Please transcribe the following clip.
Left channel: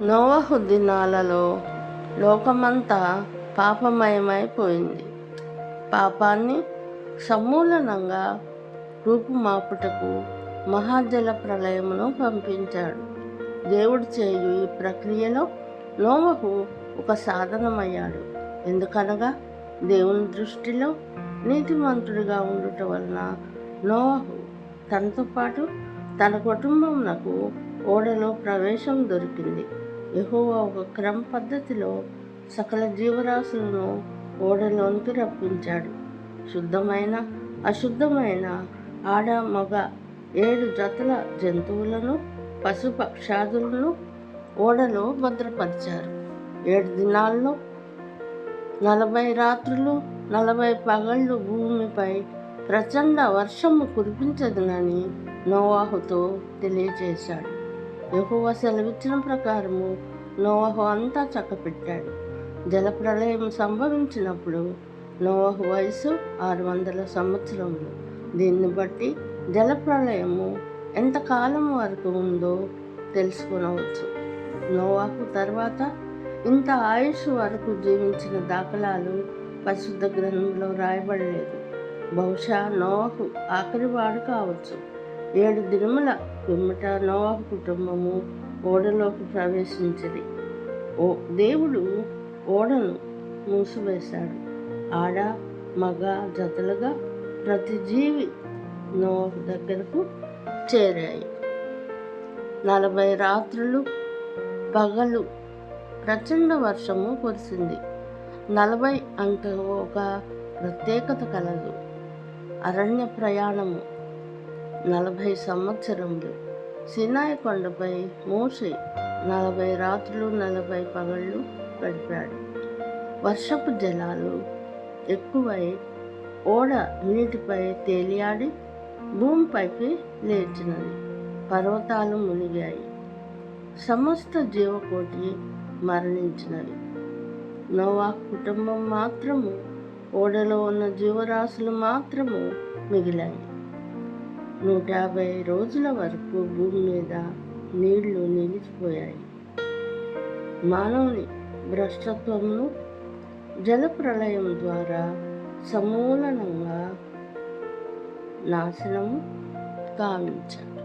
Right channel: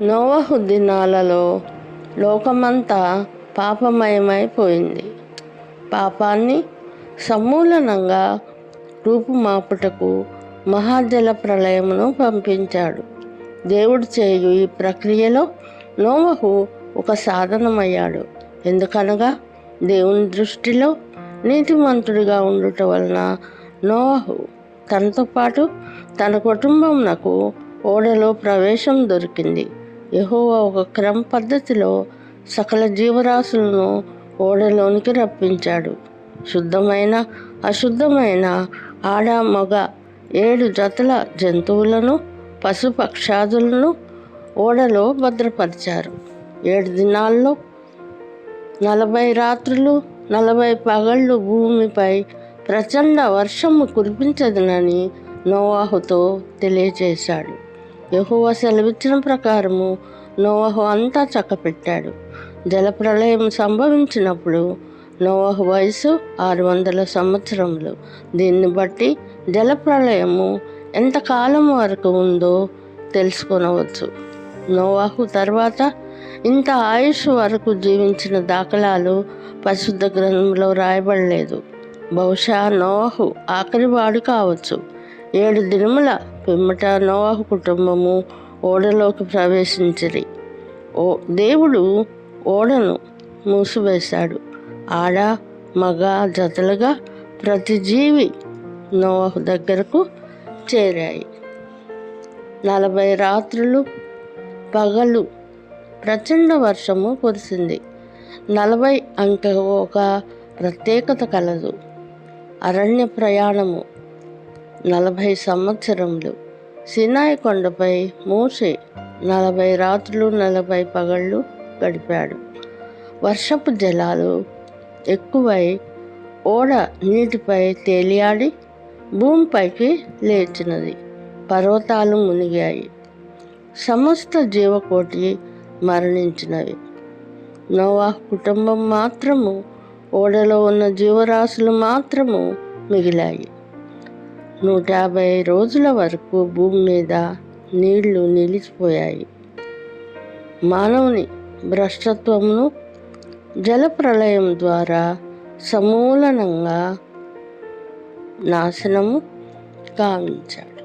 నోవహు దినాలలో లోకమంతా పాపమయమైపోయింది. పాపాన్ని సమూలంగా రూపుమాపుటకు మహాజల ప్రళయమును పంపించాడు. దేవుడు చేయు ఈ ప్రక్రియలో నోవహు ఒక సాధనమయ్యాడు. ఎందుకనగా దేవుని దృష్టిలో నీతిమంతుడిగా ఉండుట వలన నోవహు తనతో పాటు తన కుటుంబంనకు ఓడలో ప్రవేశం దొరికింది. యెహోవా ఒక క్రమ పద్ధతిలో సకల జీవరాశులను ఓడలోనికి రప్పించాడు. శుద్ధమైన అశుద్ధమైన ఆడ మగ 7 జతల జంతువులను పశుపక్షాదులను ఓడలో భద్రపరిచారు. 7 దినాల్లో 40 రాత్రులు 40 పగళ్ళు భూమిపై ప్రచండ వర్షము కురిపించదునని నోవహుతో తెలియచేశాడు. యెహోవా సెలవిచ్చిన ప్రకారము నోవహు అంతా చక్కపెట్టాడు. జలప్రళయం సంభవించినప్పుడు నోవహు వయసు 600 సంవత్సరములు. దీన్ని బట్టి జలప్రళయము ఎంతకాలం వరకు ఉందో తెలుసుకొనవచ్చు. నోవహు తర్వాత ఇంత ఆయుష్ వరకు జీవించిన దాఖలాలు పరిశుద్ధ గ్రంథంలో రాయబడలేదు. బహుశా నోవహు ఆఖరివాడు కావచ్చు. 7 దినముల పిమ్మట నోవహు కుటుంబము ఓడలోకి ప్రవేశించిరి. దేవుడు ఓడను మూసివేశాడు. ఆడ మగ జతలుగా ప్రతి జీవి నోవహు దగ్గరకు చేరాయి. 40 రాత్రులు పగలు ప్రచండ వర్షము కురిసింది. 40 అంకె ఒక ప్రత్యేకత కలదు. అరణ్య ప్రయాణము 40 సంవత్సరములు. సీనాయి కొండపై మోషే 40 రాత్రులు 40 పగళ్ళు గడిపాడు. వర్షపు జలాలు ఎక్కువై ఓడ నీటిపై తేలియాడి భూమిపైకి లేచినది. పర్వతాలు మునిగాయి. సమస్త జీవకోటి మరణించినవి. నోవహు కుటుంబం మాత్రము, ఓడలో ఉన్న జీవరాశులు మాత్రము మిగిలాయి. 150 రోజుల వరకు భూమి మీద నీళ్లు నిలిచిపోయాయి. మానవుని భ్రష్టత్వమును జలప్రళయం ద్వారా సమూలంగా నాశనము కావించాడు.